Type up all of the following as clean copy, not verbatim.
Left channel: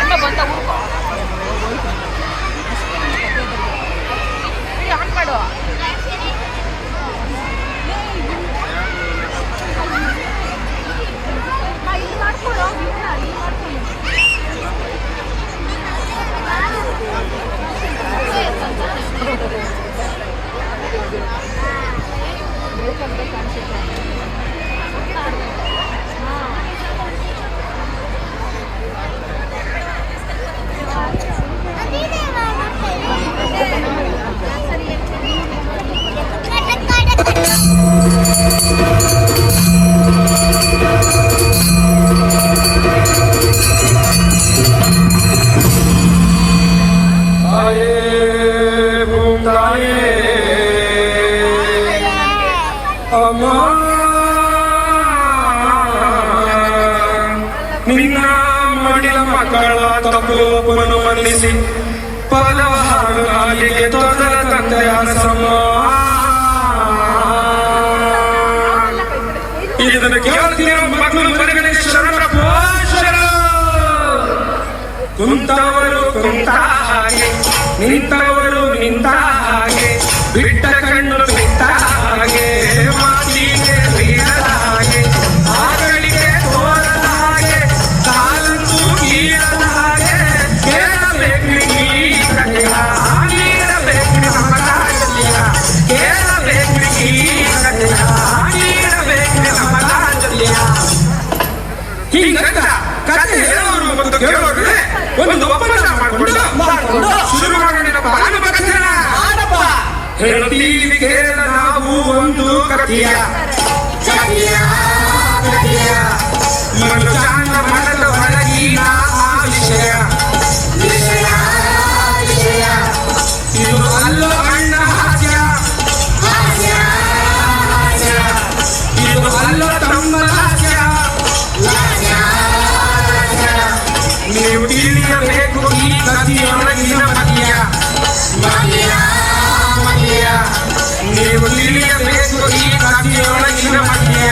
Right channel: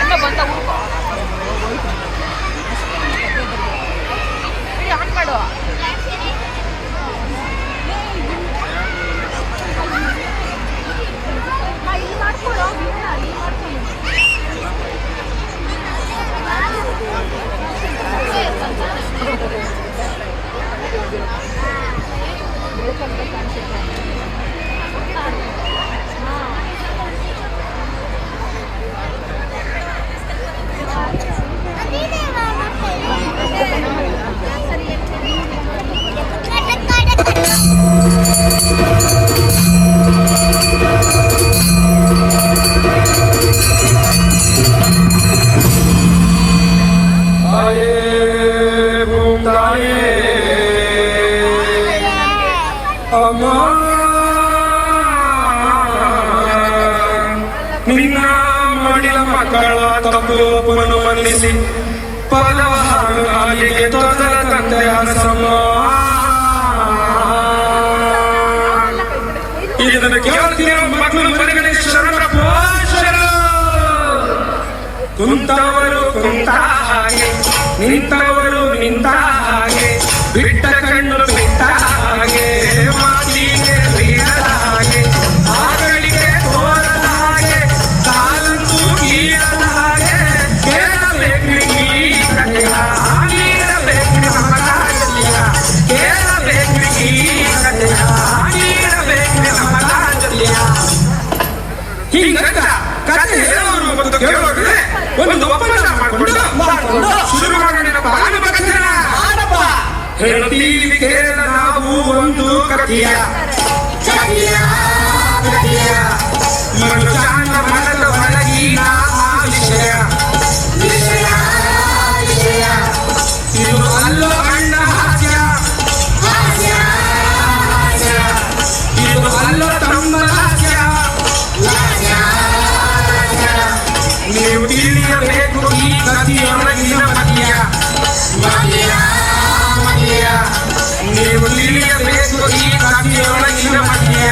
ಅಣ್ಣ ಬಂದ ಹುಡ್ಕೋ ಆನ್ ಮಾಡು. ಇಲ್ಲಿ ಮಾಡ್ಕೊಡು ನಿನ್ನ ಮಡಿಲ ಮಕ್ಕಳ ತಪ್ಪುವನ್ನು ಮನಿಸಿ ಪಲವ ಹಾಡು ಹಾಲಿಗೆ ತೊಂದಲ ತಂದೆ ಅರಸಮ್ಮ. ಇದನ್ನು ಕೇಳುತ್ತಿರೋ ಮಕ್ಕಳು ಪರಿಗಣಿಸಿ ಶರಣ ಪೋಷರ. ಕುಂತವರು ಕುಂತ ಹಾಗೆ, ನಿಂತವರು ನಿಂತ ಹಾಗೆ, ಬಿಟ್ಟ ಕಣ್ಣು ಬಿಟ್ಟ ಹಾಗೆ, ಮಾತಿಗೆ ಬೀಳದ ಹಾಗೆ, ಮಗಳಿಗೆ ತೋರದ ಹಾಗೆ, ಕಾಲಕ್ಕೂ ನೀಡದ ಹಾಗೆ, ಕೇಳಬೇಕು ನೀಡಲಿಲ್ಲ, ನೀಡಬೇಕು ನಮ್ಮ ತಾಯಿಯ, ಕೇಳಬೇಕು ನೀಡಲಿಲ್ಲ, ನೀಡಬೇಕು ನಮ್ಮ ತಾಯಿಯ. ಹೀಗೆ ಕತೆ ಹೇಳೋರು ಒಂದು ಕೇಳೋರು ಒಂದು ಒಪ್ಪಂದ ಮಾಡಿಕೊಂಡು ಶುರು ಮಾಡಿ ನಮ್ಮ ಆಡುವ ಹೇಳುತ್ತೀವಿ ಕೇಳ ನಾವು ಒಂದು ಕಥೆಯ ಇವನು ಚಾಂದ ಮನದ ಒಳಗಿನ ವಿಷಯ ಇದು ಅಲ್ಲೋ ಗಂಡ ಹಾಸ್ಯ, ಇದು ಅಲ್ಲೋ ತಮ್ಮ ಹಾಸ್ಯ. ನೀವು ತಿಳಿಯಬೇಕು ಈ ಕಥೆಯೊಳಗಿನ ಮತಿಯ, ನೀವು ತಿಳಿಯಬೇಕು ಈ ಕಥೆಯೊಳಗಿನ ಮತಿಯ.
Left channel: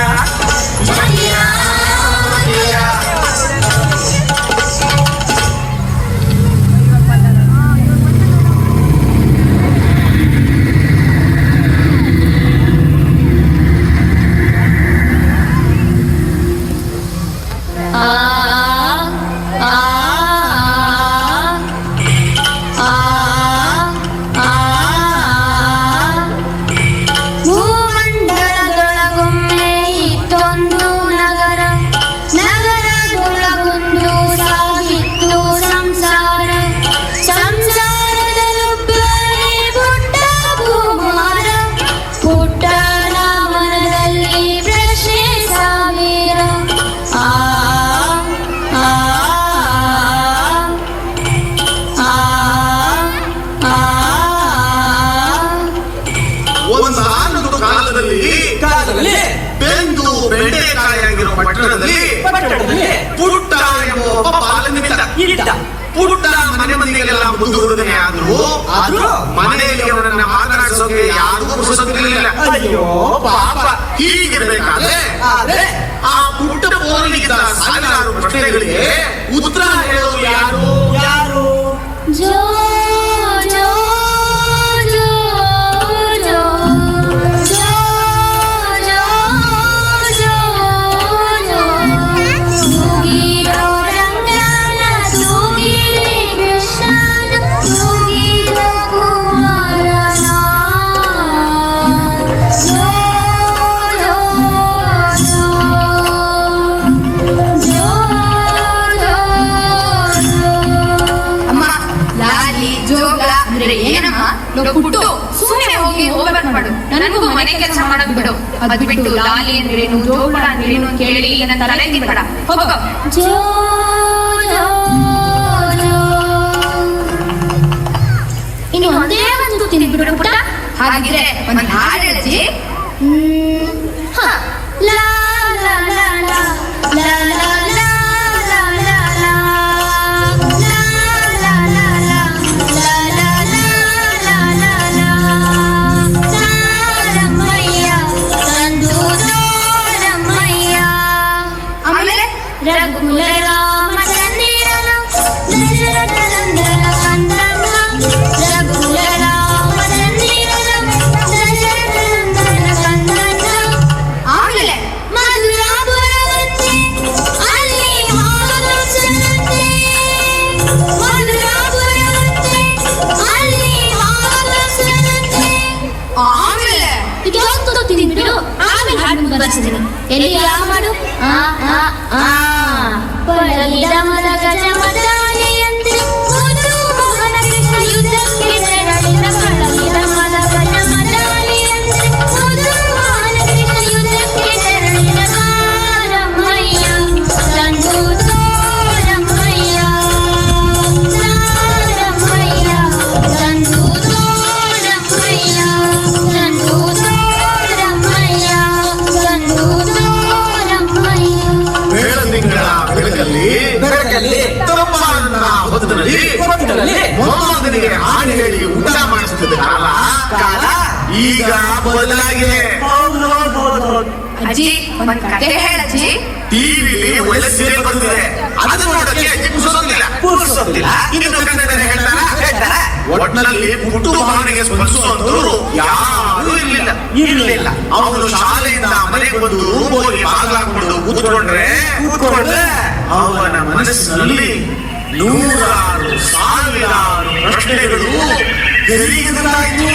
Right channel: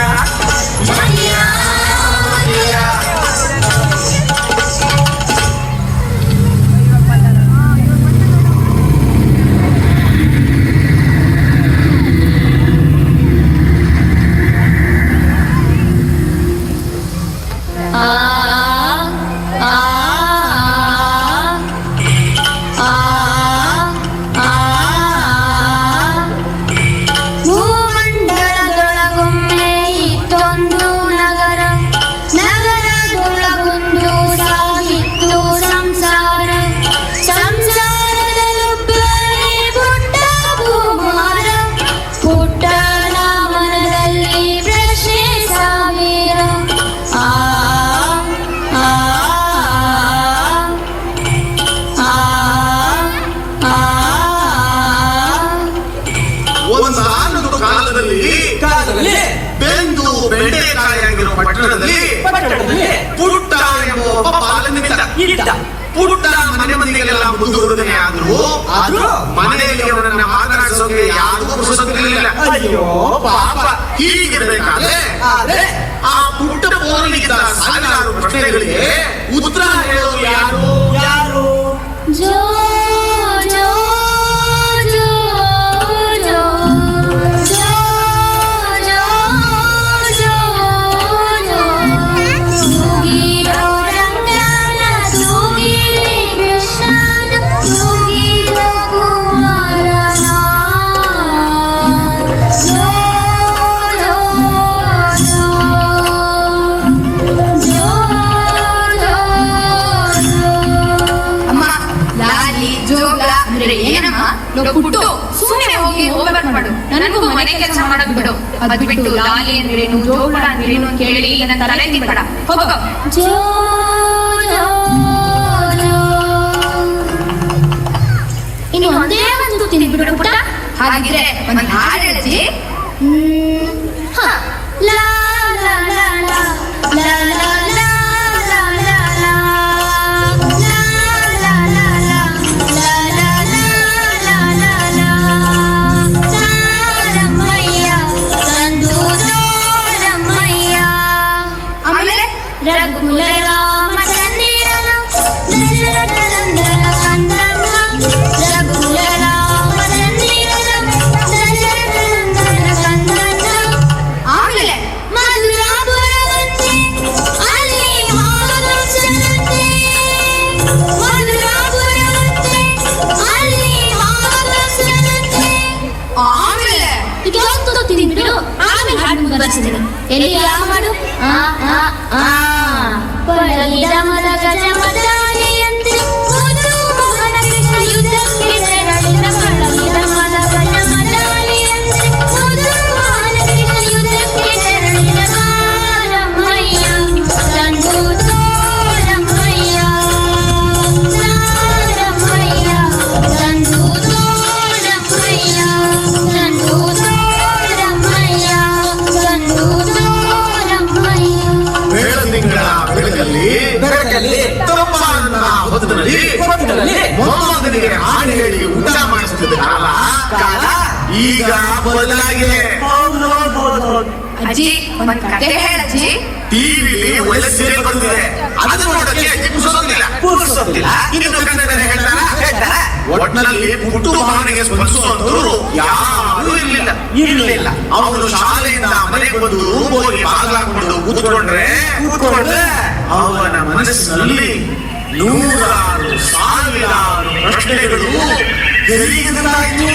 ಬೆಂದು ಬೆಂಡೆಕಾಯಿರುವ ಪಟ್ಟಣದಲ್ಲಿ ಪುಟ್ಟ ಎಂಬುವ ಒಬ್ಬ ಬಾಲನಿದ್ದ. ಪುಟ್ಟ ಮನೆ ಮನೆಗೆಲ್ಲ ಮುಂದುವರೆದನೆ ಆದರೂ ಮನೆಯಲ್ಲಿ ಅವರನ್ನ ಮಾತನಾಡಿಸೋಕೆ ಯಾರಿಗೂ ಮುಗಿಸೋದಿರಲಿಲ್ಲ. ಅಯ್ಯೋ ಪಾಪ. ಹೀಗಿರಬೇಕಾದ್ರೆ ಆ ಪುಟ್ಟ ಮೋನಿಗಿದ್ದ ಸಾವಿರಾರು ಪ್ರಶ್ನೆಗಳಿಗೆ ಉತ್ತರ ಹೇಳೋರು ಯಾರು ಯಾರು? ಏನಮ್ಮ ಪುಟ್ಟು ಸುಮ್ಮನೆ ಹೋಗ್ಬಾರ್ದು, ನನಗೂ ಮನೆ ಕೆಲಸ ಮಾಡಕ್ ಬಿಡು. ಅದ್ ಬಿಟ್ಟು ಲಾಲಿ ಅಂದ್ರೇನು ಜೋಗಳ ಅಂದ್ರೇನು ಕೇಳಿ ನನ್ನ ತಲೆ ತಿನ್ಬೇಡ. ಹೋಗೋ. ಇನ್ನು ಒಂದೇ ಒಂದು ತಿಂದ್ಬಿಡು ಪುಟ್ಟ. ಹಾಗಿದ್ರೆ ಒಂದು ಹಾಡು ರಚಿ. ಲಾ ಲಾ ಲಾ ಲಾ ಲಾ ಲಾ ಲಾ ರಘುಕುಲ ರಾಮ ಚಂದಿರನು ರಘುಕುಲ ರಾಮ ಚಂದಿರನು. ಆಮೇಲೆ ಆಮೇಲೆ ಇದೊಂದು ತಿಂದ್ರು ಆಮೇಲೆ ಹಾಡು ಬರೆಸಿದ್ರು. ಎಲ್ಲಿ ಯಾವ ಹಾಡು? ಕೊಡಲಿದ ಮದ ಗಜ ಮದಾನೆಯಂತೆ ಯುದ್ಧಕ್ಕೆ ತೆರಳಿದ ಕೊಡಲಿದ ಮದ ಗಜ ಮದಾನೆಯಂತೆ ಯುದ್ಧಕ್ಕೆ ತೆರಳಿದ ರಾಮಯ್ಯ ತಂದು ತೋರಮಯ್ಯ ರಾಮಯ್ಯ ತಂದು ತೋರಮಯ್ಯ ತಂದು ತೋರಮಯ್ಯ ತಂದು ಬೆಳಕಲ್ಲಿ ತರುಮಾನದ ಹೊತ್ತಲ್ಲಿ ಮೊಹಮ್ಮದನಿಗೆ ಆನೆಗಳಿಗೆ ಊಟ ಮಾಡಿಸುತ್ತಿದ್ದ ಕಾಲ ಈಗ ಬದಲಾಗಿದೆ. ಅಜ್ಜಿ ಒಂದ್ ಕತೆ ಹೇಳಜ್ಜಿ. ಟಿವಿ ಒಳ್ಳೆ ಸೀರಿಯಲ್ ಬಂದಿದೆ, ಅದನ್ನ ನೋಡಕ್ಕೆ ಕೂರಿಸೋದಿಲ್ಲ. ಇದನ್ನು ಕನ್ನಡ ಬೇರೆ ಹೇಳ್ತಾರ. ಒಟ್ಟಿನಲ್ಲಿ ಪುಟ್ಟು ಮಗನಿಗೆ ಸ್ಪರ್ಶಿಸುವಂತವ್ರು ಯಾರು ಇರ್ಲಿಲ್ಲ. ಅವನು ಶಾಲೆಯಿಂದ ಮನೆಗೆ ಬಂದು ರೂಮ್ ಹೋಗಿ ಬಾಗ್ಲಾಕೊಂಡು ಕೂತ್ಕೊಂಡ್ರೆ ಅವನ ಮನಸ್ಸಿನಲ್ಲಿ ನೂರಾರು ಸಾವಿರಾರು ಪ್ರಶ್ನೆಗಳು ತೆರೆಯುವುದಾಯಿತು.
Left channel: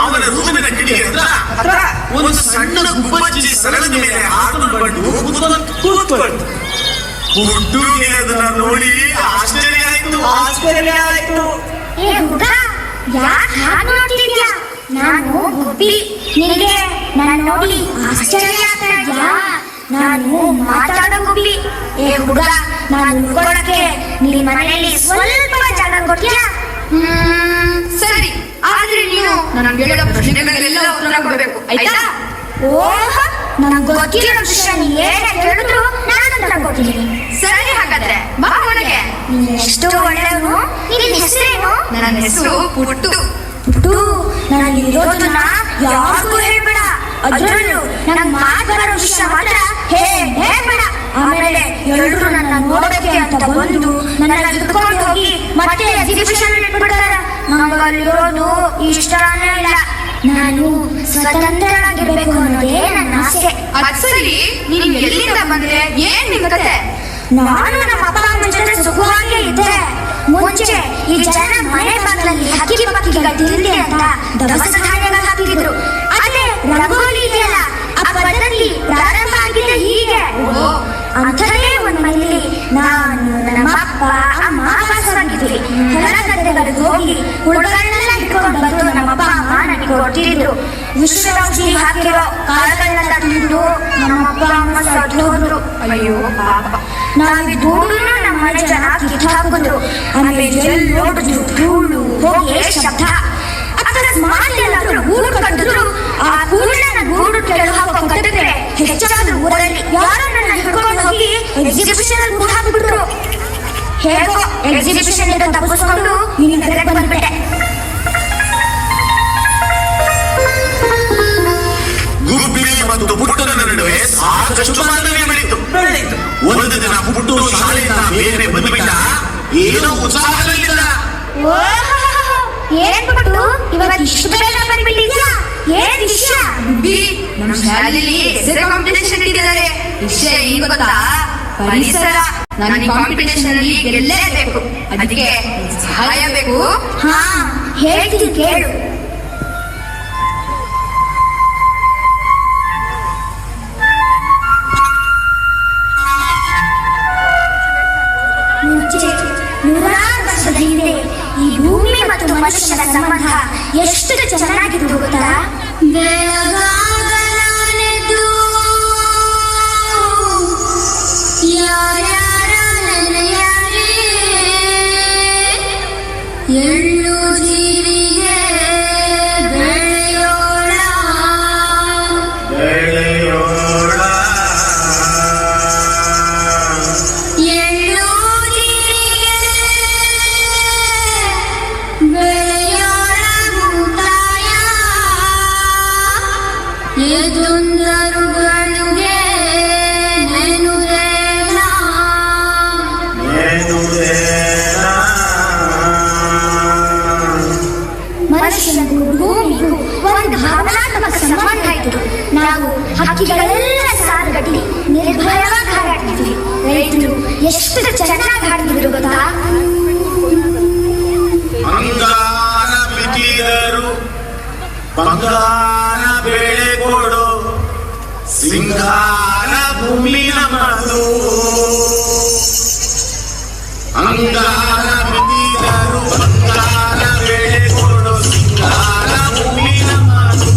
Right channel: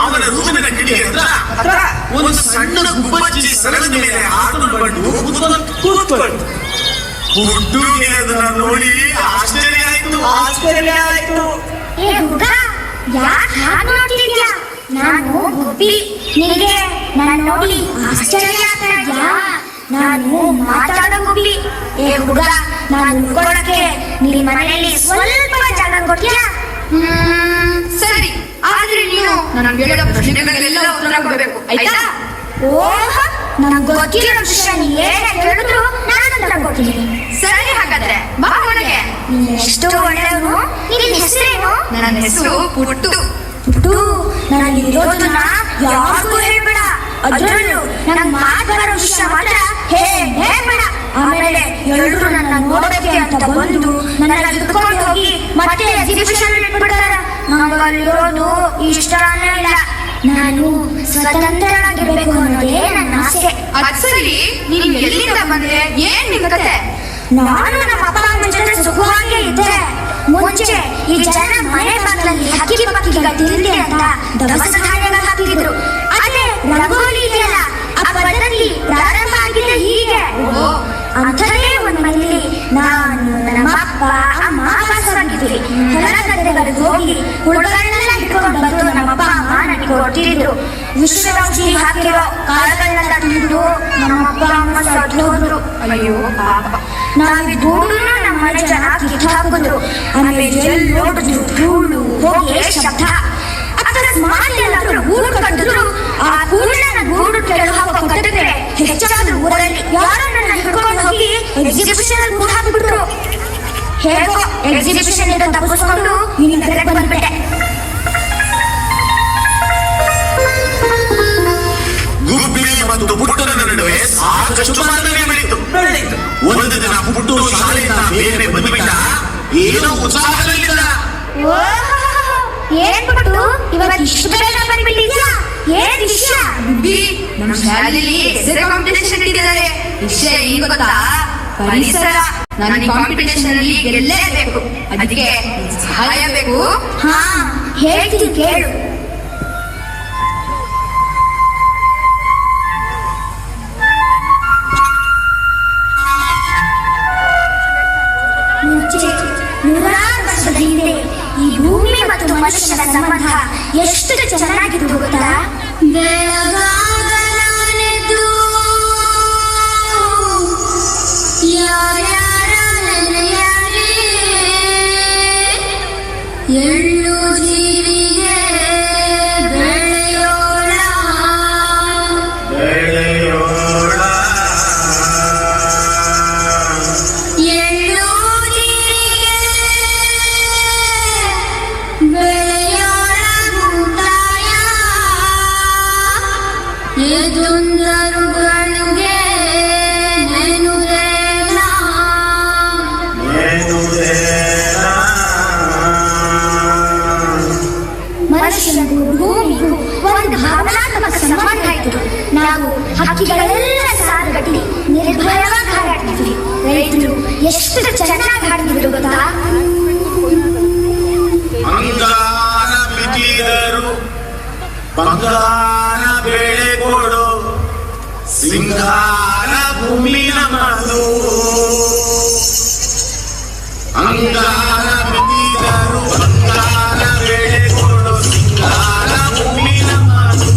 ಅವನ ರೂಮಿನ ಕಿಡಿಗೆ ಹತ್ರ ಒಂದು ಸಣ್ಣ ಗುಬ್ಬಚ್ಚಿ ಸರಳದ ಮೇಲೆ ಹಾಕೊಂಡು ಕೂತ್ಕೊಂಡು ಹುಡುಗಿ ಅದನ್ನ ನೋಡಿ ಆಶ್ಚರ್ಯ ಆಯ್ತು. ಯಾಕೆ ಹಾಗೆ ನೋಡ್ತಿದ್ಯಾ? ನಾನು ಗುಬ್ಬಿ, ನಿನಗೆ ನನ್ನ ನೋಡಿ ಆಶ್ಚರ್ಯ ಆಗ್ತಾ ಇದೆಯಾ? ನಾನು ಮಾತಾಡೋ ಗುಬ್ಬಿ. ಏ ಹುಡುಗ, ನಾನು ಉಳ್ಕೊಳಕ್ಕೆ ನಿನ್ನ ಮನೆಯಲ್ಲಿ ಸ್ವಲ್ಪ ಜಾಗ ಕೊಡ್ತೀಯಾ? ಸರಿ, ಆದ್ರೆ ನೀನು ನಮ್ಗೆ ಹೇಳೋ ಪ್ರಶ್ನೆಗಳಿಗೆಲ್ಲ ಉತ್ತರ ಕೊಡ್ಬೇಕು, ಆಯ್ತಾ? ಓಹ, ನಂಗೆ ಗೊತ್ತಿರೋ ವಿಷಯ ನೀ ಏನೇ ಹೇಳಿದ್ರು ನಾನು ಉತ್ತರ ಕೊಡ್ತೀನಿ. ಸರಿ, ಹಾಗಾದ್ರೆ ಬಾ ಒಳಗೆ. ನೀನ್ ಎಷ್ಟು ಒಳ್ಳೆಯವನು. ನಿನ್ನ ಹೆಸರೇನು? ನನ್ನ ಹೆಸರು ಪುಟ್ಟು. ಪುಟ್ಟು, ನಾನು ಇರೋದನ್ನ ಯಾರಿಗೂ ಹೇಳ್ಬೇಡ. ಅದ್ರಲ್ಲೂ ನಂಗೆ ಮಾತಾಡೋ ವಿಷಯ ಮಾತ್ರ ಹೇಳ್ಬೇಡ. ಆಮೇಲೆ ಎಲ್ರು ನನ್ನ ನೋಡೋಕೆ ಅಂತ ಬಂದು ನನ್ನ ಹಿಡ್ಕೊಂಡು ಹೋಗಿ ಮತ್ತೆ ಎಕ್ಸಿಬಿಷನ್ ಇಟ್ಬಿಡ್ತಾರ. ನಂಗೆ ಅಲ್ಲಿರೋದು ಇಷ್ಟನೇ ಇಲ್ಲ. ನಾನು ಸ್ವತಂತ್ರನಾಗಿರ್ಬೇಕು ಅನ್ನೋದೇ ನನ್ನ ಆಸೆ. ಅದ್ ಸರಿ, ನೀನ್ ಎಲ್ಲಿಂದ ಬಂದ್ರೆ? ಏನ್ ನಿಮ್ ಕತೆ? ನಾನು ನಮ್ಮ ಅಪ್ಪ ಅಮ್ಮನ ಜೊತೆ ಸುಖವಾಗಿ ಇದ್ದೆ. ಮುಂಚೆ ಈ ಜನ ಮನೆ ಬಾಗ್ಲಲ್ಲಿ ಹಕ್ಕಿ ಪಕ್ಕಿಗಳ ತಿಂಡಿ ಅಂತ ದವಸ ಧಾನ್ಯಗಳು ಹಾಕಿದ್ರು. ಅದೇ ರಂಗೋಲಿ ಇದೆಯಲ್ಲ, ಆ ಪದ್ಧತಿ ಪ್ರಾರಂಭ ಆಗಿದ್ದೆ ಹೀಗೆ. ಅಂಥದ್ದೇ ಒಂದ್ ಮನೆಯಲ್ಲಿ ನಾನು, ನಮ್ಮಪ್ಪ, ಅಮ್ಮ ವಾಸವಾಗಿದ್ವಿ. ಹೊಲ ಗದ್ದೆಗಳಿಗೆ ಹೋಗಿ ಹುಡುಗರನ್ನೆಲ್ಲ ಇಟ್ಕೊಂಡು ಬಂದು ನಮ್ಮಪ್ಪ ಅಮ್ಮ ನನಗೆ ಕೊಟ್ಟಿದ್ರು. ವಿಶ್ವದೌಷಧಿ ಹಾಕಿರೋ ಕಾಳುಗಳನ್ನೆಲ್ಲ ತಿಂದು ನಮ್ಮಪ್ಪ ಅಮ್ಮ ಸತ್ತು ಹೋದ್ರು. ಅಯ್ಯೋ ಪಾಪ. ನಾವಿದ್ದೂನು ನಮ್ಮ ಮನೆ ಜನ ಕಿತ್ತು ಹಾಕಿದ್ರು. ಆಮೇಲೆ ಎಲ್ಲಿ ನೋಡಿದ್ರು ಧೂಳು ಹೋಗಿ ಶಬ್ದ. ಅಕಸ್ಮಾತ್ ಎಲ್ಲಾದ್ರೂ ಗೂಡು ಕಂಡಿದ್ರು ಆ ಗೂಡನ್ನ ನನ್ನ ಗೂಡು ಕೆಳಗೆ ಹಾಕೋ ಕಟ್ಟಿದ್ರೆ ಹೆಚ್ಚಾದ್ರೂ ಊರಲ್ಲಿ ಯಾರೋ ನನ್ನ ಹಿಡ್ಕೊಂಡು ಹೋಗಿ ಎಕ್ಸಿಬಿಷನ್ ಅಲ್ಲಿ ಗೂಡು ಹಾಕಿಬಿಟ್ರು. ಹೇಗೋ ಎಕ್ಸಿಬಿಷನ್ ಇಂದ ತಪ್ಪಿಸ್ಕೊಂಡು ನಿನ್ನ ತರಗತಿ ಬಂದ್ಬಿಟ್ಟೆ. ಗುಬ್ಬಿ ಮತ್ತು ಪುಟ್ಟನ ನಡುವೆ ಸಾಕಷ್ಟು ಮಾತುಕತೆ ಬೆಳೀತು. ಒಂದು ದಿನ ಪುಟ್ಟು ಶಾಲೆಯಿಂದ ಬೇರೆ ಬಂದುಬಿಟ್ಟ. ಏನೋ ಉತ್ಸಾಹದಲ್ಲಿಲ್ಲ. ಏನ್ ಬಿಟ್ಟು ಇವತ್ತು ಇಷ್ಟು ಬೇಗ ಬಂದ್ಬಿಟ್ಟಿದ್ಯಾ? ಏನ್ ವಿಷಯ? ನಮ್ಮ ಶಾಲೆಯಲ್ಲಿ ಹೆಸರೇ ಕಾಂಪಿಟೇಷನ್ ಇಟ್ಟಿದ್ದಾರೆ. ವಿಷಯ ಏನು ಗೊತ್ತಾ? ಪರಿಸರ. ನಾನು ಈ ಕಾಂಪಿಟೇಷನ್ ಅಲ್ಲಿ ಗೆಲ್ಲೇಬೇಕು. ಅದಕ್ಕೆ ಸಹಾಯ ಬೇಕು. ಹಾ, ಹೇಳ್ತೀನಿ ಕೇಳು. ನೂರಾರು ವರ್ಷದ ಹಿಂದೆ ಈ ಭೂಮಿ ಮತ್ತು ಮನುಷ್ಯನ ಸಂಬಂಧ ಎಷ್ಟು ಚೆನ್ನಾಗಿದ್ದು ಗೊತ್ತಾ? ಬೆಳಗಾಗಲಾನೆದು ಯಾರ್ಯಾರ ನೆನೆಯಲಿ, ಎಳ್ಳು ಜೀರಿಗೆ ಬೆಳೆಯೋಳ ಎಳ್ಳು ಜೀರಿಗೆ ಬೆಳೆಯೋಳ ಮುಕ್ತಾಯ ಎದುಂದರುಗಳಿಗೆ ನೆನುದೇನ. ಮನುಷ್ಯನಿಗೂ ಭೂಮಿಗೂ ಒಂದು ಭಾವನಾತ್ಮಕ ಸಂಬಂಧ ಇತ್ತು. ನಾವು ಹಕ್ಕಿಗಳೆಲ್ಲ ಸಾಲುಗಟ್ಟಿ ನಿರ್ಭಯವಾಗಿ ಹಾರಾಡ್ತಿದ್ವಿ. ರೈತರು ಎಷ್ಟು ಚೆನ್ನಾಗಿ ಹಾಡ್ತಿದ್ರು ಗೊತ್ತಾ? ಅಂಗಾನ ಬಿತ್ತಿದರು ಬಂಗಾರ ಬೆಳೆ ಕೊಡು, ಸಿಂಗಾರ ಭೂಮಿ ನಮ್ಮದು. ಅಂಗಾರ ಬಿತ್ತಿದರು ಬಂಗಾರ ಬೆಳೆ ಕೊಡು, ಸಿಂಗಾರ ಭೂಮಿ ನಮ್ಮದು.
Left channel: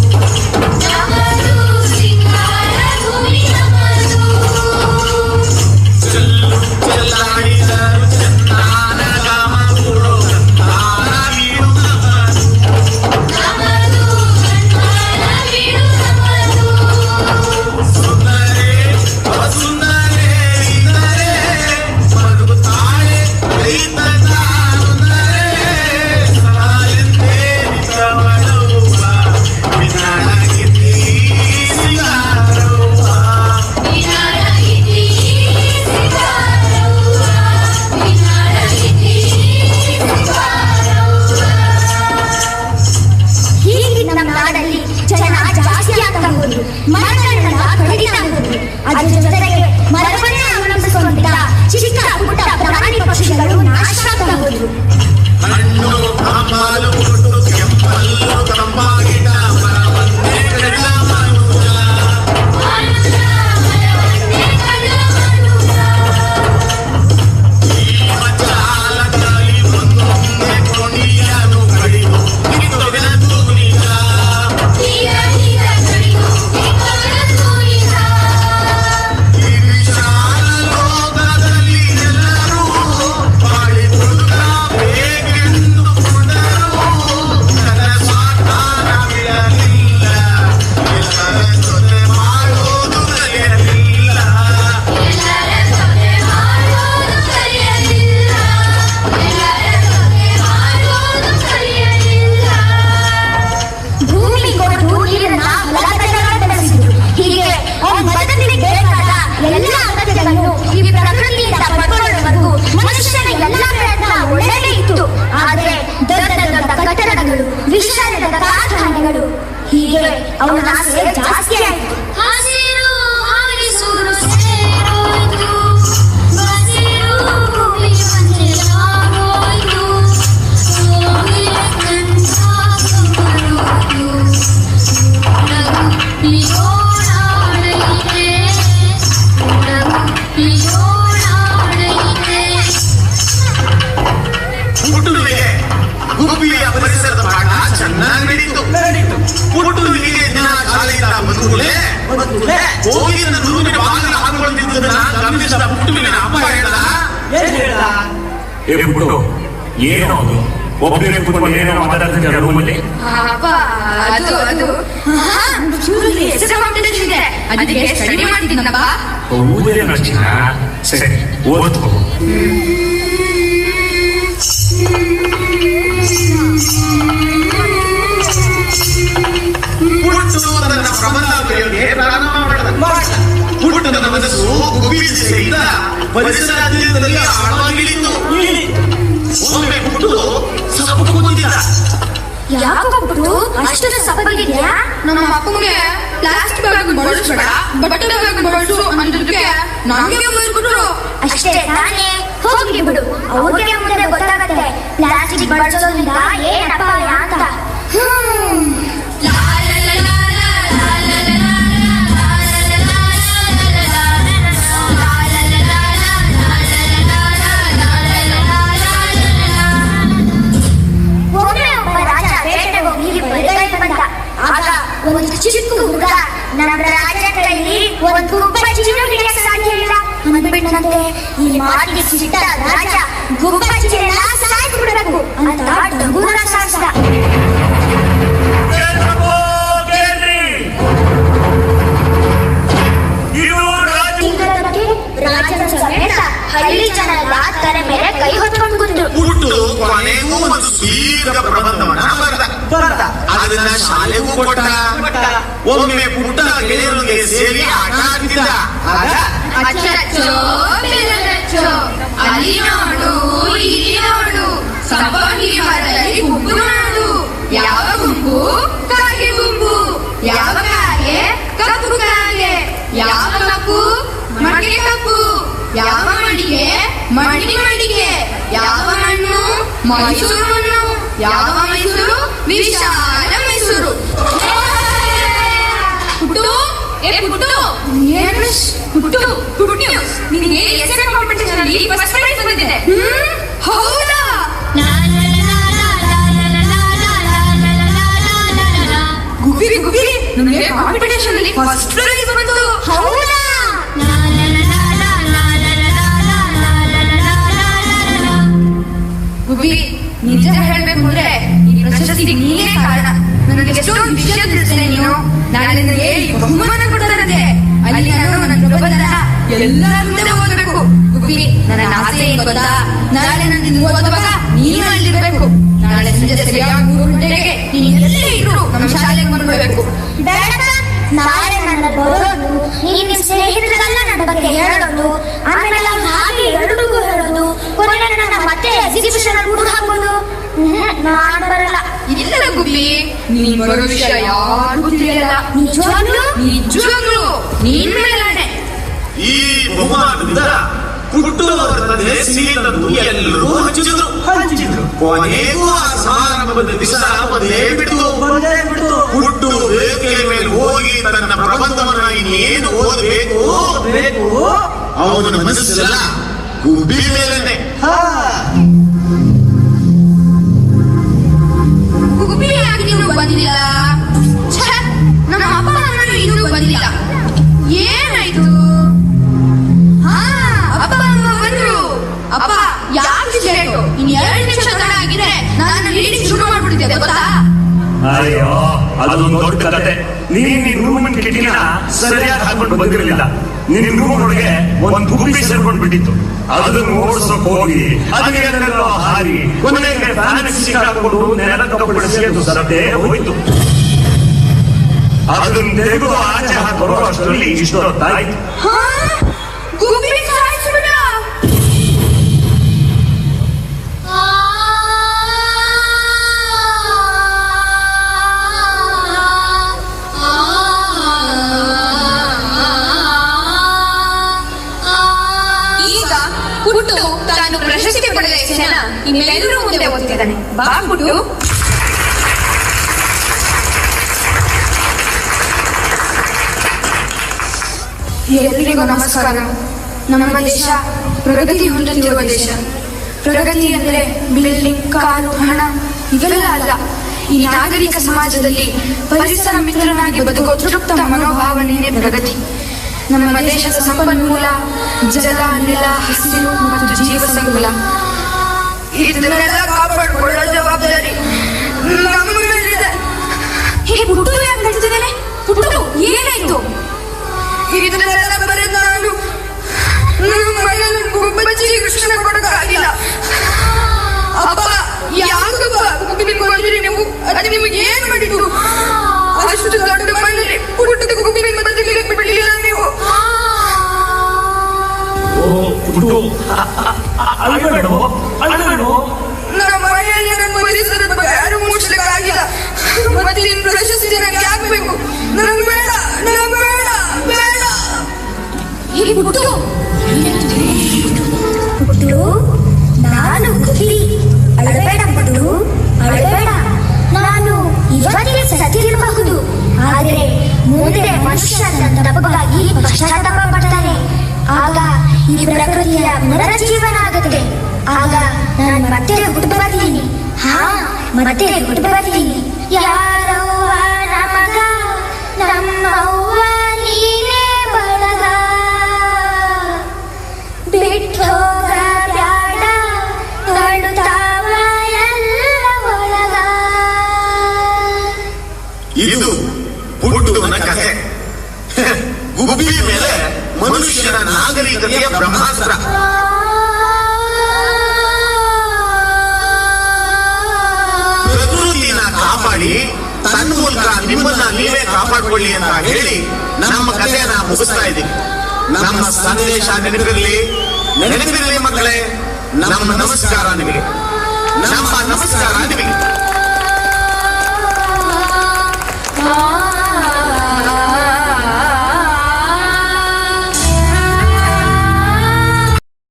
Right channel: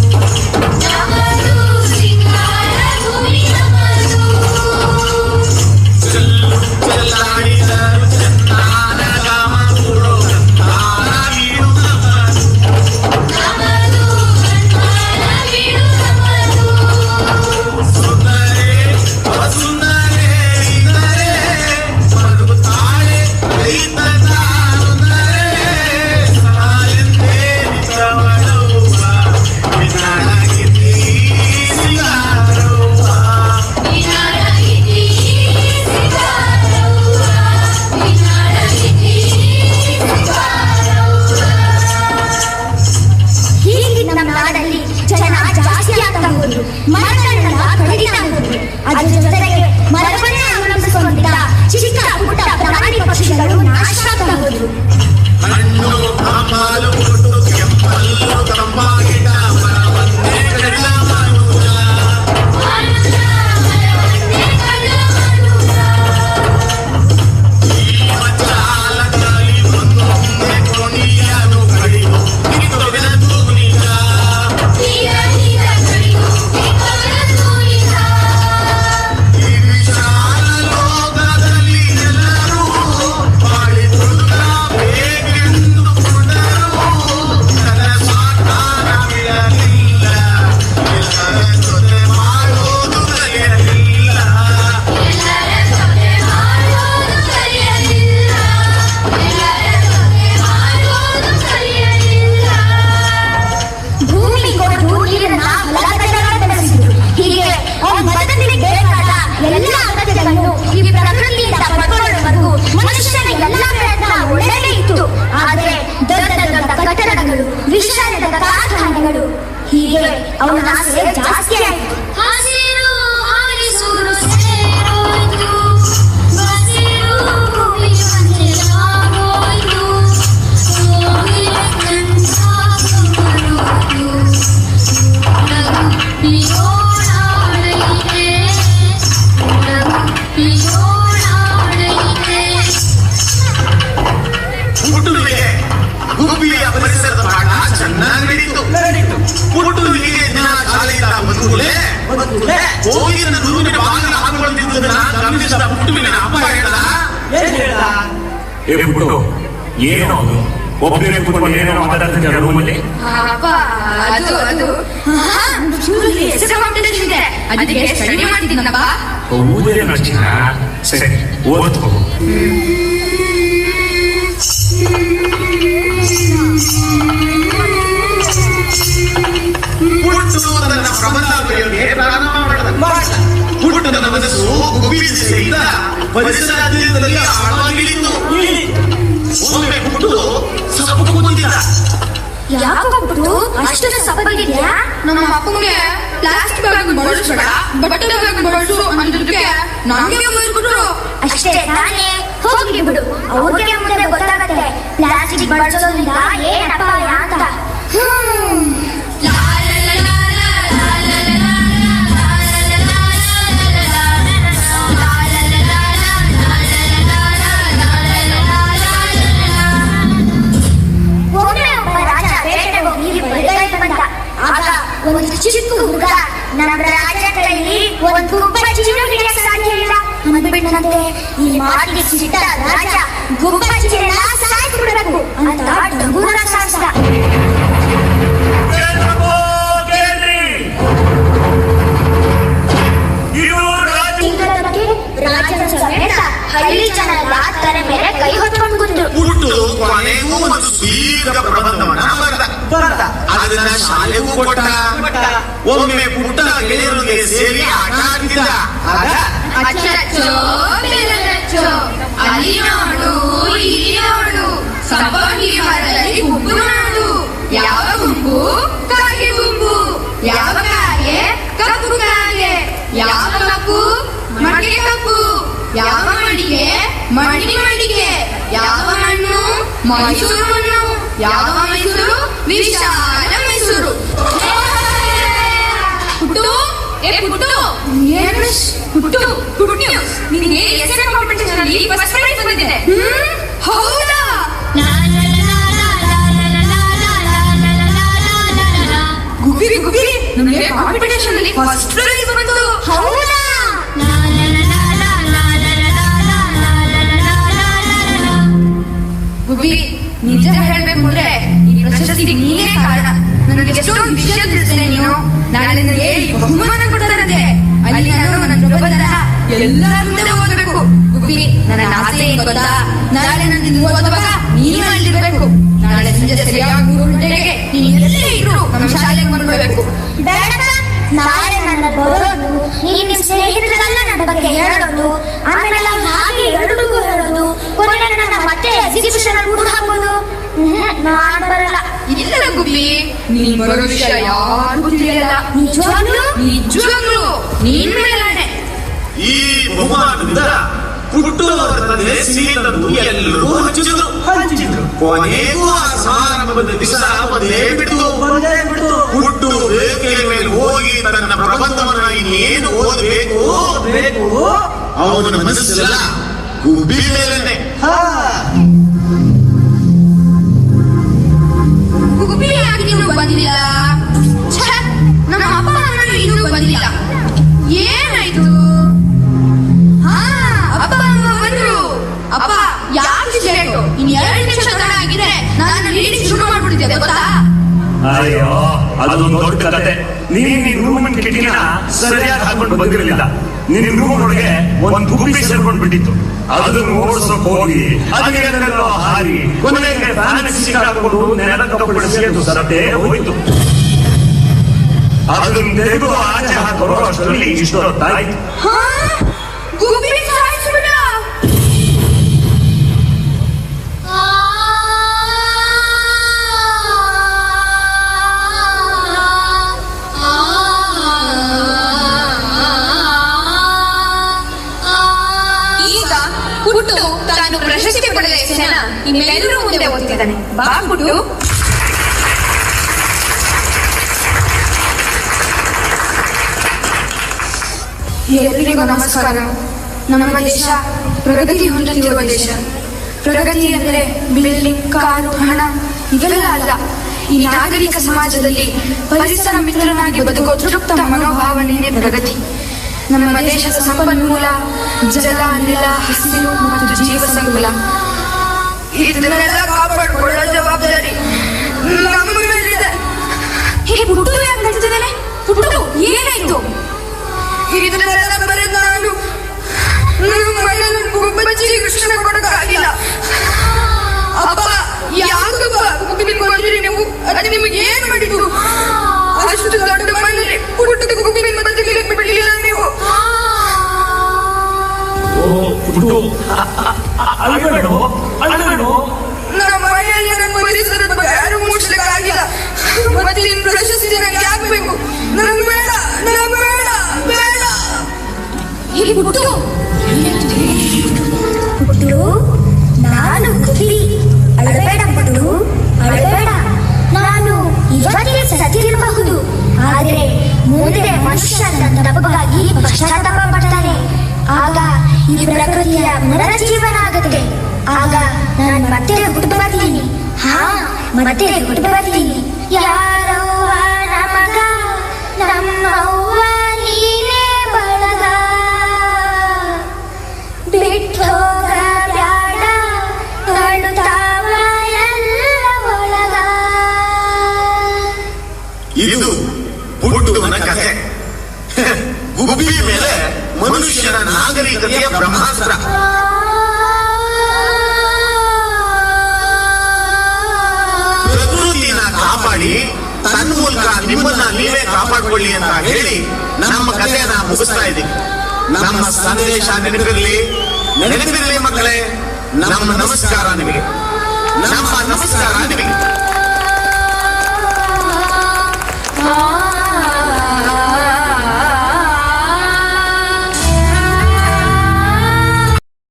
ವಿಶಾಲದ ಕಾರ್ಖಾನೆಗಳು ಹೀಗೆ ಅವನ ಆಸೆ ಜಾಸ್ತಿ ಆಯಿತು. ಗುಬ್ಬಿಯ ಪರಿಸರದ ಪಾಠ ಚೆನ್ನಾಗಿ ನಡೀತು. ಹುಟ್ಟುವಿಗೆ ದಿನ ಶಾಲೆಯಿಂದ ಬಂದ್ಕೂಡಲೇ ಓದಿನ ರೂಮಿನ ಬಾಗಿಲ ಹಾಕೊಂಡಿದ್ದುದನ್ನ ಗಮನಿಸಿದ ಹುಟ್ಟುವಿನ ಅಪ್ಪ ಹೇಳ್ದ, ಏನೋ ಅದು ಒಬ್ಬರೇ ಕುತ್ಕೊಂಡು ಏನೇನೋ ಮಾತಾಡ್ತಿದ್ದ ರೂಮಲ್ಲಿ. ಸ್ಟಡಿ ಮಾಡ್ತಿದ್ದನಪ್ಪ. ಸರಿ ಓದ್ಕೋ. ಹುಟ್ಟು ತನ್ನ ಪ್ರಬಂಧ ಬರೆಯೋಕೆ ಪ್ರಾರಂಭ ಮಾಡಿದ. ಹುಟ್ಟಿದ ಮನಸ್ಸು ಗುಬಿಸಿ ಸಹಿತ ಪರಿಸರದಲ್ಲಿ ಆಳವಾಗಿಳಿತು. ಒಮ್ಮೆ ಹುಟ್ಟು ಸಪುಟು ಕುಂತಿದ್ದ. ಯಾಕೊಬ್ಬರು ಅಷ್ಟು ಸಪ್ಪಗಿದ್ಯಾ? ನಮ್ಮ ಅಪ್ಪಗೆ ಪ್ಲಾಸ್ಟಿಕ್ ಆಗಿ ಬಳಸಬೇಡ, ಬಟ್ಟೆ ಆಗಿ ಬಳಸು ಅಂದಿದ್ದಕ್ಕೆ ನಮಗೆ ಬಂದ್ಬಿಟ್ರು. ಅಷ್ಟೇ ತಾನೇ, ಹೋಗ್ಲಿ ಬಿಡು. ಅವ್ರಿಗೆ ಮುಂದೆ ಗೊತ್ತಾಗತ್ತೆ ಪ್ಲಾಸ್ಟಿಕ್ ಬಳಸೋದಿಲ್ಲ ಏನಪ್ಪ ಅಂತ. ಆಗ ಒಂದು ಚಿಕ್ಕ ಹುಡುಗ ನಮ್ಮ ರಾಜ ಕೈಲಿ ಒಂದು ಗುಬ್ಬಚ್ಚಿನ ಹಿಡಿಯಕ್ಕೆ ಸಾಧ್ಯ ಇಲ್ಲ ಅಂದ್ಬಿಟ್ಟಂತೆ. ಈ ಮಾತಿಗೆ ಸಿಟ್ಟ ರಾಜ ಗುಬ್ಬಚ್ಚಿನೆಲ್ಲ ಸಾಯಿಸ್ಬಿಡ್ಬೇಕು ಅಂತ ಡಂಗೂರ ಸಾಯಿಸಿದ. ರಾಜನ ಸಮೇತ ಹಳ್ಳಿ ಜನರೆಲ್ಲ ತಲೆ ಮೇಲೆ ಕೈ ಹೊತ್ಕೊಂಡು ಬಂದ್ರು. ಹುಟ್ಟು ಕೊನೆಗೂ ಒಂದು ದೀರ್ಘ ಪ್ರಬಂಧವನ್ನ ಬರೆದ. ಅದನ್ನ ಶಾಲೆಗೂ ಕೊಟ್ಟ. ಒಮ್ಮೆ ಪುಟ್ಟನ ಗೆಳೆಯರೊಂದಿಗೆ ಸೇರಿ ಆಟ ಆಡ್ತಿದ್ದ. ಅಚ್ಚಚ್ಚೋ ಬೆಲ್ಲಚ್ಚೋ, ಅಲ್ಲಿ ನೋಡು ಇಲ್ಲಿ ನೋಡು, ಸಂಪಂಗಿ ಮರದಲ್ಲಿ ಗುಂಪು ನಾಡು. ಯಾವ ಗುಂಪು? ಕಾಗೆ ಗುಂಪು. ಯಾವ ಕಾಗೆ? ಕಪ್ಪು ಕಾಗೆ. ಯಾವ ಕಪ್ಪು? ಮಡಿಕೆ ಕಪ್ಪು. ಯಾವ ಮಡಿಕೆ? ಮಡಿಕೆ. ಯಾವ ಮಣ್ಣು? ಮೈಸೂರು ಮಣ್ಣು. ಯಾವ ಮೈಸೂರು? ವಿಶಾಲ ಮೈಸೂರು. ಪುಟ್ಟು, ನಿನಗೆ ಎಸ್ಎನ್ ಕಾಂಪಿಟೇಷನ್ ಅಲ್ಲಿ ಫಸ್ಟ್ ಪ್ರೈಸ್ ಬಂದಿದೆ. ಹೌದಾ? ಗುಬಿರಿ ನಿನಗೆ ಕಾಂಪಿಟೇಷನ್ ಅಲ್ಲಿ ಫಸ್ಟ್ ಪ್ರೈಸ್ ಬಂತು. ಹೌದಾ? ಗುಬಿರಿ, ನಿಜ ಹೇಳ್ಬೇಕು ಅಂದ್ರೆ ಈ ಪ್ರಶಸ್ತಿಗೆ ನೀನೇ ಕಾರಣ. ನನಗೆ ಎಷ್ಟೊಂದು ವಿಷಯ ತಿಳಿಸಿದೆ ನೀನು. ನಾಳೆ ನನಗೆ ಬಹುಮಾನ ಕೊಡ್ತಾರಂತೆ. ಅಲ್ಲಿ ನಾನು ನನ್ನ ಜಗತ್ತನ್ನ ಎಲ್ಲರ ಮುಂದೆ ಹೋಗ್ಬೇಕು. ಗುಬಿರಿ, ನನ್ನ ಆಸೆ ಏನು ಗೊತ್ತಾ? ನಾಳೆ ನನಗೆ ನೀವು ಓದುವಾಗ ನೀನೇ ಅಲ್ಲಿರ್ಬೇಕು. ನಾಳೆ ಸಂಜೆ ಸರಿಯಾಗಿ 3 ಗಂಟೆಗೆ ನೀನೆಲ್ಲೇ ಇದ್ರು ನಮ್ಮ ಶಾಲೆಗೆ ಬಂದ್ಬಿಡ್ಬೇಕು. ನಾಳೆ ನನ್ನ ಬರೋದು, ನಿಮ್ ಸ್ನೇಹಿತರೆಲ್ಲ ನನ್ನ ಬಗ್ಗೆ ಹೇಳೋದು, ಆಮೇಲೆ ಅವ್ರು ಹಾಗೆ ಎರಡಿಗೂ ಹೇಳೋದು, ಕೊನೆಗೆ ನನ್ನ ಮತ್ತೆ ಎಕ್ಸಿಬಿಷನ್ ಕೂಡ ಹಾಕೋದು. ನಾನು ಬರಲ್ಲ. ಇಲ್ಲ ಗುಬ್ಬಿ, ನೀನ್ ಬರೋ ವಿಷಯ ಯಾರಿಗೂ ತಿಳಿಯಲ್ಲ. ನಿಜವಾಗ್ಲೂ ನೀನ್ ಮೇಲಾಣೆ. ಈ ಬಹುಮಾನದಿಂದ ಹುಟ್ಟು ತನಗೆ ಸಿಹಿಯನ್ನು ಎಲ್ಲರೂ ಹಂಚಿದ್ರು. ಕೊನೆಗೂ ಆ ಸಮಾರಂಭದ ದಿವಸ ಬಂದೇ ಬಿಟ್ಟು ಹುಟ್ಟು ರೇಖೆಯ ಮೇಲೆ ಹೋಗಿ ತನ್ನ ಪ್ರಬಂಧವನ್ನು ಏನು ಓದಬೇಕು ಅವನ ಮನಸ್ಸೆಲ್ಲ ಗುಬ್ಬಿಗೆ. ಗುಬ್ಬಿಯಾಗಿ ಇನ್ನೂ ಬಂದಿಲ್ಲ. ನಮ್ಮ ಅಪ್ಪ ಅಮ್ಮನೂ ಇನ್ನೂ ಬಂದಿಲ್ಲ. ಏನಾಯ್ತು? ಅಪ್ಪ ಅಮ್ಮ ಬಂದ್ರು. ಅಪ್ಪ ಯಾರು ಹೇಳು, ಇನ್ 2 ನಿಮಿಷ ಆಗಿದೆ. ನಾನು ರೀಡಿ ಶುರು ಮಾಡ್ಬಿಟ್ಟಿದ್ದೆ ಗೊತ್ತಾ? ಅಯ್ಯೋ, ಅದೊಂದು ದೊಡ್ಡ ಕತೆ. ನೀನ್ ರೂಮ್ ಕಿಟಿನ ಸರಿಯಾಗಿ ಹಾಕೊಂಡು ಬಂದಿರಲಿಲ್ಲ. ನಿನ್ ರೂಮ್ ಒಳಗೆ ಒಂದು ಗುಬ್ಬಿ ಸೇರ್ಕೊಂಡು ಬಿಟ್ಟಿತ್ತು. ಅದನ್ನು ಓಡಿಸೋಕ್ ಹೋಗಿ ಅದೇನೆಲ್ಲೋ ಹಾರಿ ಕೊನೆಗೆ ಹಾಕೊಂಡು ನೆಲಕ್ಕೆ ಸೇರಿದು ಸರತೆ ಹೋಯ್ತು. ಅದನ್ನು ತೆಗೆದು ಆಚೆ ಹಾಕೊಳ್ಳೋ ಅಷ್ಟರಲ್ಲಿ ಇಷ್ಟು ಹೊತ್ತಾಗಿ ಹುಟ್ಟು ತಾನು ಪ್ರಶಸ್ತಿ ಪಡೆದ ಜನ ಇನ್ನೆಲ್ಲರೂ ಮುಂದೆ ಹೋಗ್ತಿದ್ದಾನೆ. ಬಾಗ್ಬಿಟ್ಟು ಎಲ್ಲರಿಗೂ ನಮಸ್ಕಾರ. ನಮ್ಮ ದೇಶ ಪ್ರಗತಿ ಹೊಂದುತ್ತಿರುವ ದೇಶ. ಪ್ರಗತಿ ಅಂದರೆ ಬಿಲ್ಡಿಂಗ್, ಕಾರು, ಹಣ ಇದೆಲ್ಲ ಅಲ್ಲ. ಈ ನಾಗರಿಕ ಸಮಾಜದಲ್ಲಿ ಪರಿಸರ ಮಿತ್ರನಾಗಿ ಬದುಕುವ ತೃಪ್ತ ಮನೋಭಾವನೆಯೇ ಪ್ರಗತಿ. ನಮ್ಮ ದೇಶದ ಸಂಪನ್ಮೂಲ ಜಲ, ನೆಲ, ಹಸಿರು ಮತ್ತು ಜೀವ ಸಂಕುಲ ಇದನ್ನೆಲ್ಲ ಕಾಪಾಡಿಕೊಳ್ಳುವ ಜವಾಬ್ದಾರಿ ನಮ್ಮ ಮೇಲಿದೆ. ಹುಟ್ಟು ಯಾಕೆ ಬರ್ತಿದ್ದೇನೆ? ಹುಟ್ಟು ಏನಾಯ್ತು? ಇದನ್ನೆಲ್ಲ ಬರೆದ ನಾನು ನಮ್ಮ ಮನೆಯನ್ನು ಗುಬ್ಬಚ್ಚಿಗೆ ಕೃಷ್ಣ ಕೊಡೋಕ್ಕಾಗಿಲ್ಲ. ಅಪ್ಪ ಯಾಕಪ್ಪ ಗುಬ್ಬಿನಿಗೆ ಹೋದ್ರೆ ನೀವು ಅದು ನಿಮಗೆ ಏನ್ ಮಾಡಿದ್ದು? ಅಷ್ಟು ದೊಡ್ಡ ಮನೆಯಲ್ಲಿ ಹುಟ್ಟಿದ ಗುಬ್ಬಿನಿಂದ ಬದುಕಲಿಕ್ಕೆ ಬಿಡಲಿಲ್ಲ ನೀವು. ನಮ್ಮ ಮನೆಯಲ್ಲಿ ನನ್ನ ಪರಿಸರದ ಯಾರು ಮುಚ್ಚಲಿಕ್ಕಾಗಿಲ್ಲ. ಮತ್ತೆ ನಿಮ್ ಪ್ರಶಸ್ತಿ ನನಗೆ ಆಗ್ಬೇಕು. ನನಗೆ ಬೇಡ, ನನಗೆ ಬೇಡ, ಬೇಡ. ಇಲ್ಲಿ ಹುಟ್ಟು ನಾನು ಹುಟ್ಟಿ ಅಳಬೇಡ ಪುಟ್ಟು, ಅಳಬೇಡ. ನಾನು ಇವತ್ತೇ ಸತ್ತಿರಬಹುದು, ಆದ್ರೆ ಮುಂದೆ ಮನುಷ್ಯ ನನ್ನ ತಪ್ಪಿಗಾಗಿ ಪಶ್ಚಾತ್ತಾಪ ಪಡ್ತಾನೆ. ಆಗ ಈ ಪ್ರಕೃತಿಯ ಪುನರುಜ್ಜೀವನ ಆಗುತ್ತೆ. ಆಗ ನಾನು ಮತ್ತೆ ಹುಟ್ಟು ಬರ್ತೀನಿ. ಮತ್ತೆ ಹುಟ್ಟು ಬರ್ತೀನಿ. ಯಾರೋ ನಮಗ ನಮ್ಮವ್ವ ನೀನೇ ಬಳಗ ಬಿಟ್ಟು ಹೋಗಬೇಡ ಗಂಡು ತಾವಳೆಲ್ಲ ಒಳಗ. ಇದು ಹುಟ್ಟುವನ ಕಥೆ. ಗುಬ್ಬಿ ಮೇಲೆ ಮನುಷ್ಯನ ನಾಗರಿಕತೆಯ ಬ್ರಹ್ಮಾಸ್ತ್ರ. ಪ್ರಕೃತಿನ ಕಾಪಾಡಿ ತನ್ನ ಮೂಲಕ ನಿಮ್ಮನ್ನ ನೀವೇ ಕಾಪಾಡಿಕೊಳ್ಳಿ ಅಂತ ಹೇಳಿ ನಮ್ಮ ಕಥೆಯನ್ನ ಮುಗಿಸ್ತಾ ಇದ್ದೀವಿ. ನಮ್ಮ ಸಂದೇಶ ನೆನಪಿರಲಿ ಮಕ್ಕಳೇ. ನಮ್ಮ ನಮಸ್ಕಾರ ನಿಮಗೆ.